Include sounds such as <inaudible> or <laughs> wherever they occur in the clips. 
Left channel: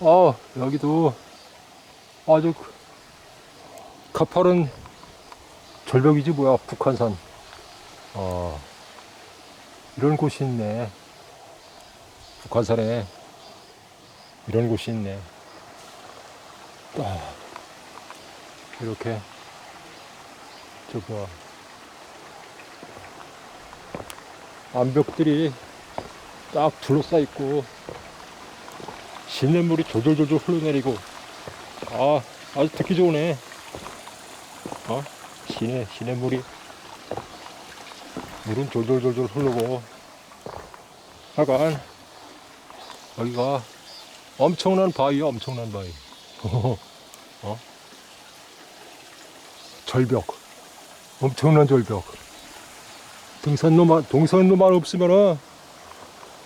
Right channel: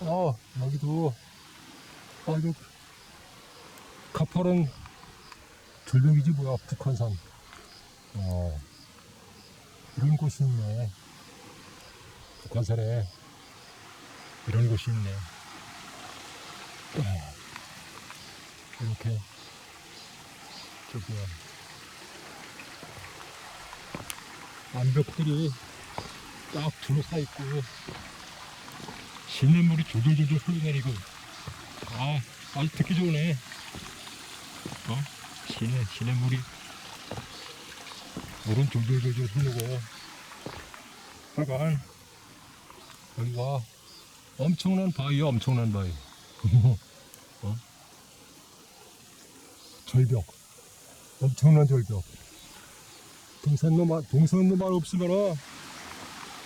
어, 여기도 아주 가파른 절벽이지 뭐야, 북한산. 어, 이런 곳이 있네. 북한산에 이런 곳이 있네. 아, 이렇게 저 뭐야 암벽들이 딱 둘러싸 있고 시냇물이 졸졸졸졸 흘러내리고. 아 아주 듣기 좋으네. 어? 시내 시냇물이 물은 졸졸졸졸 흐르고. 하여간 여기가 엄청난 바위야 엄청난 바위. <laughs> 어? 절벽. 엄청난 절벽. 등산로만 동산로만 없으면은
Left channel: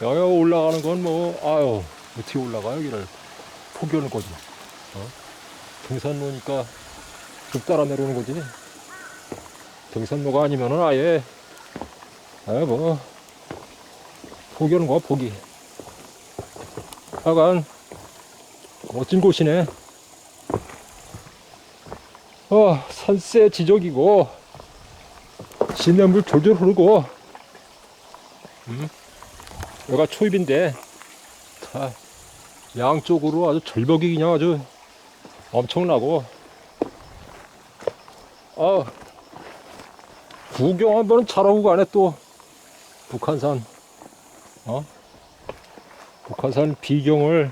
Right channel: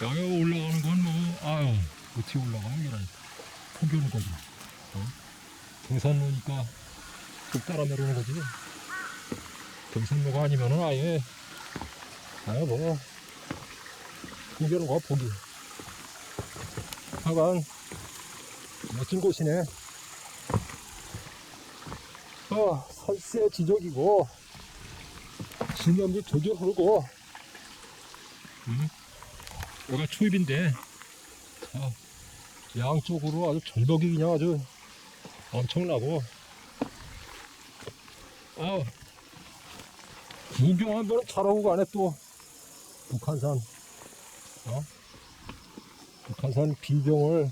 여기 올라가는 건 뭐 아유 어떻게 올라가 여기를 포기하는 거지. 어? 등산로니까 쭉 따라 내려오는 거지. 등산로가 아니면은 아예 아예 뭐 포기하는 거야 포기 하여간 멋진 곳이네. 어 산세 지적이고 시냇물 졸졸 흐르고 음? 여기가 초입인데 다 양쪽으로 아주 절벽이 그냥 아주 엄청나고. 아 구경 한번 잘하고 가네 또. 북한산. 어? 북한산 비경을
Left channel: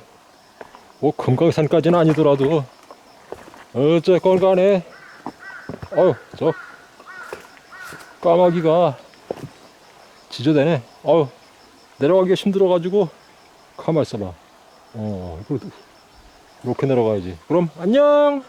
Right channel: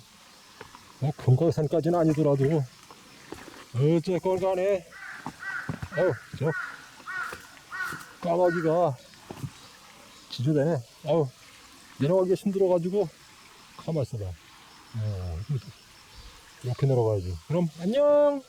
뭐 금강산까지는 아니더라도 어쨌건 간에 어휴 저 까마귀가 지저대네. 어휴 내려가기가 힘들어가지고 가만 있어봐 어 이거 이렇게 내려가야지. 그럼 안녕